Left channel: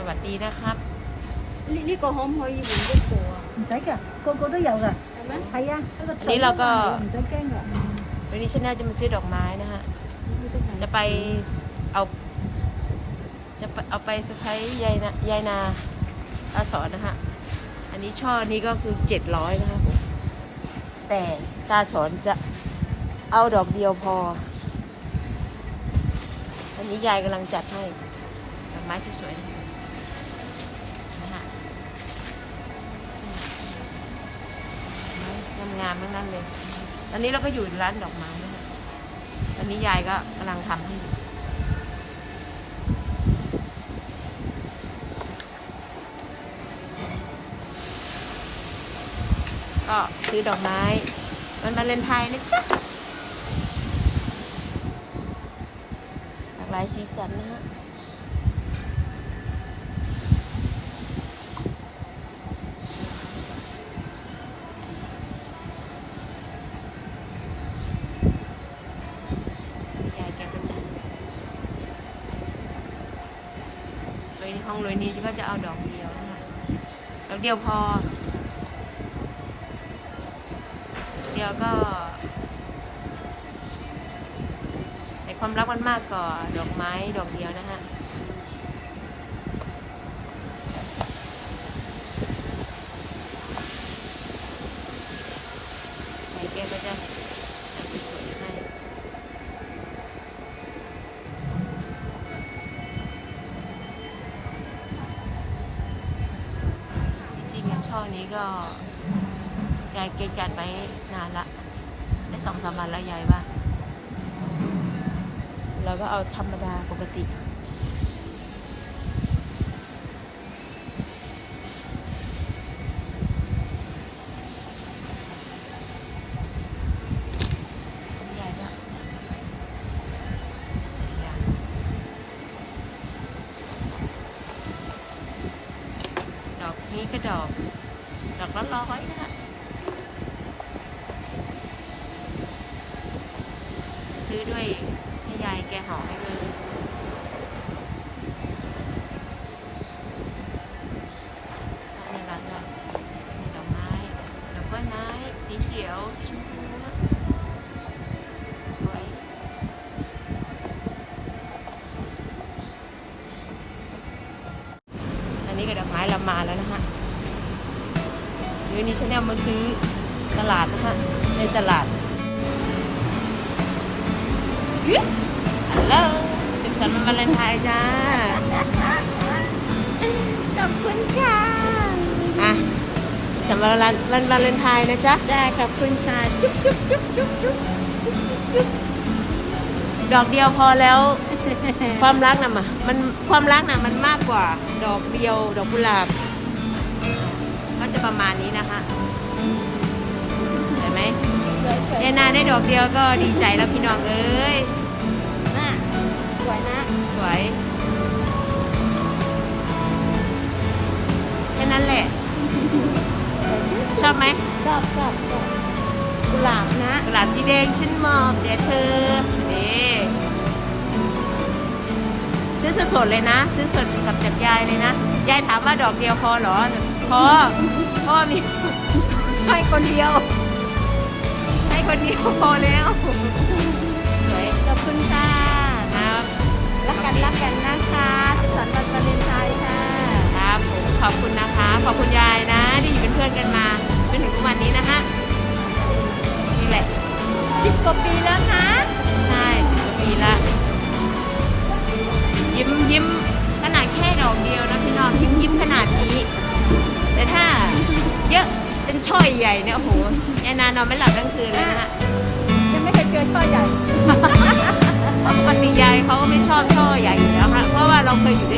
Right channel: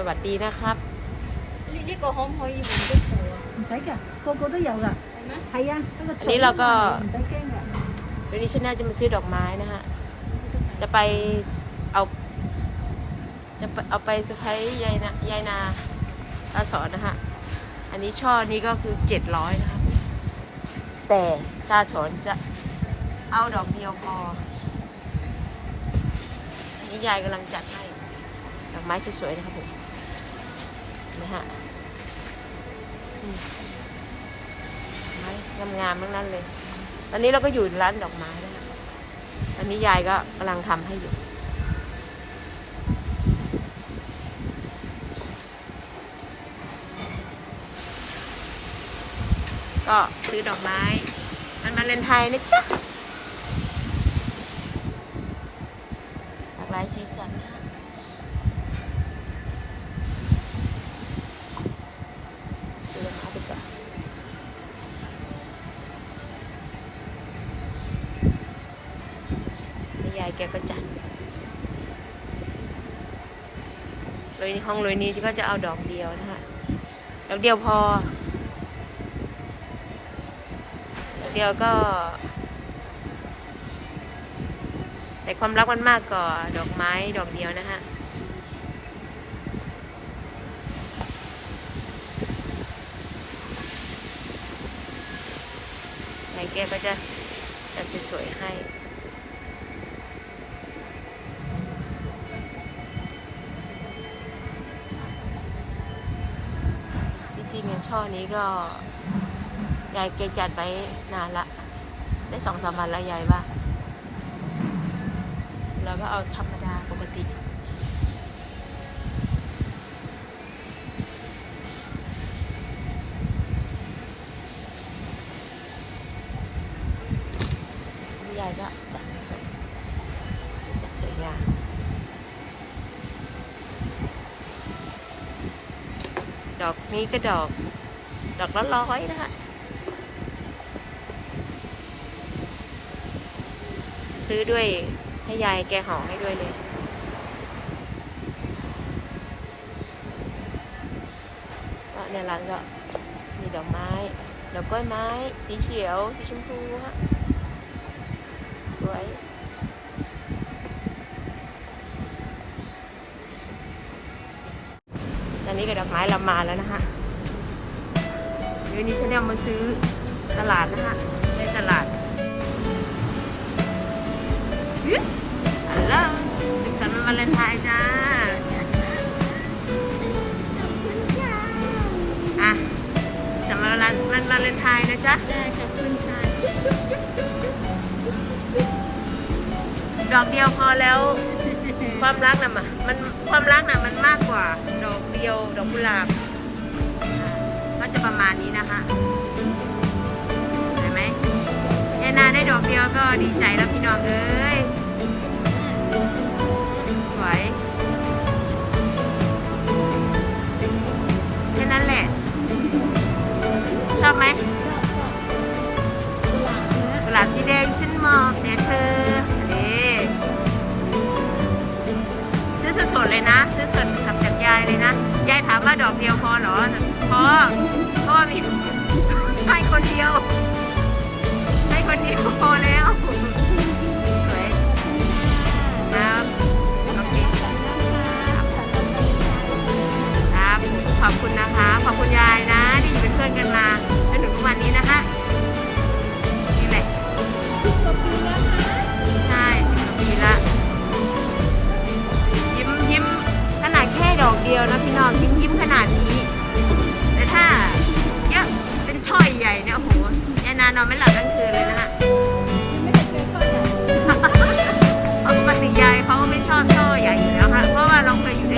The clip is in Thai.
สวัสดีนะครับอันนี้เราก็วันนี้ชาแนลจะมาซื้อดอกไม้นะฮะ จะไปเอา จะเอาไปสะพายยายนายายนาตาสอนนะฮะ อันนี้ช่อนี้ก็คือเจ็ดร้อยนะคะแต่ตาสอนจะเอาดอกเดียวพอ อันนี้ยายกำลังจัดให้ ดอกไม้สวยๆนะครับผม นะฮะไม้งามๆทั้งนั้นเลย ตอนนี้เราก็อยู่ร้านดอกไม้นะฮะตอนนี้ยายก็กำลังทำให้อยู่ก็ซื้อดอกไม้มันมาเลนไทยนะจ๊ะหลากหลายสีสันนะฮะ แกก็จัดเลยห้องเลยนี้ก็จะเอาดอกเดียวนะคะดอกเดียวพอ เดียวก็ แต่ความรักมันมากกว่าดอกไม้ดอกเดียวนะฮะแกก็จะจัดสวยๆให้ ช่อนี้ก็ยายเกจัดไว้นานละ ได้สองสามวันแล้วยายว่า เราก็เอาธรรมดาปกติยายก็จัดจัดสวยงามดอกนี้ก็ดอก ดอกละร้อยนะคะซื้อด้วยให้ยายแกห่อให้ด้วยเลย ก็ในร้านก็มีดอกไม้ ดอกกล้วยไม้ สีเขียว สีชมพูฮะ สวยตอนนี้ก็ดอกไม้เรามาแล้วนะคะ วันนี้ฉันเอามาซื้อตลาดนะคะที่ตลาดฮัลโหลสุขสันต์วันวาเลนไทน์จ้า ขอบคุณค่ะอะสุขสันต์วันวาวันวาเลนไทน์นะจ๊ะ ได้ขอบคุณค่ะ ดอกเดียวพอแล้ว ความรักน่ะมามันความรักน่ะมันมากกว่า ดอกเดียวดอกกุหลาบอะ ก็จะประมาณนี้นะคะเห็นไหมยายนาได้ดอกเดียวก็ดีใจแล้วพี่น้องเอ้ยน่าสวยนะสวยแค่นั้นแหละ ชอบไหมชอบชอบชอบกุหลาบนะกุหลาบสีแดงฉันมอบเดี๋ยวเธอ สดๆเลยนะ ซื้อสดกับกับยายเลยนะ ยายถามว่าดอกเดียวพอเหรอพอพ่อมีให้คนเดียวให้คนเดียวพอแล้ว สวยขอบคุณค่ะครับรักกันรักกันนะคะสุขสันต์วันวาเลนไทน์ค่ะครับผมขอบคุณนะคะ ขอบคุณยายนะที่อยู่เป็นเพื่อนกันมาจนถึงทุกวันนี้นะฮะนี่แหละสิบกว่าปีแล้วนะ นาดนี้ แต่ถ้าเยอะเป็นช่อยใหญ่เนี่ยโอ้โหแอนนานอนไม่หลับทั้งคืนเลยนะฮะยังไม่เคยเจอช่อใหญ่เพราะปกติยายเขาก็ไม่ชอบช่อใหญ่อยู่แล้วค่ะเพราะว่าเราเคยอยู่ด้วย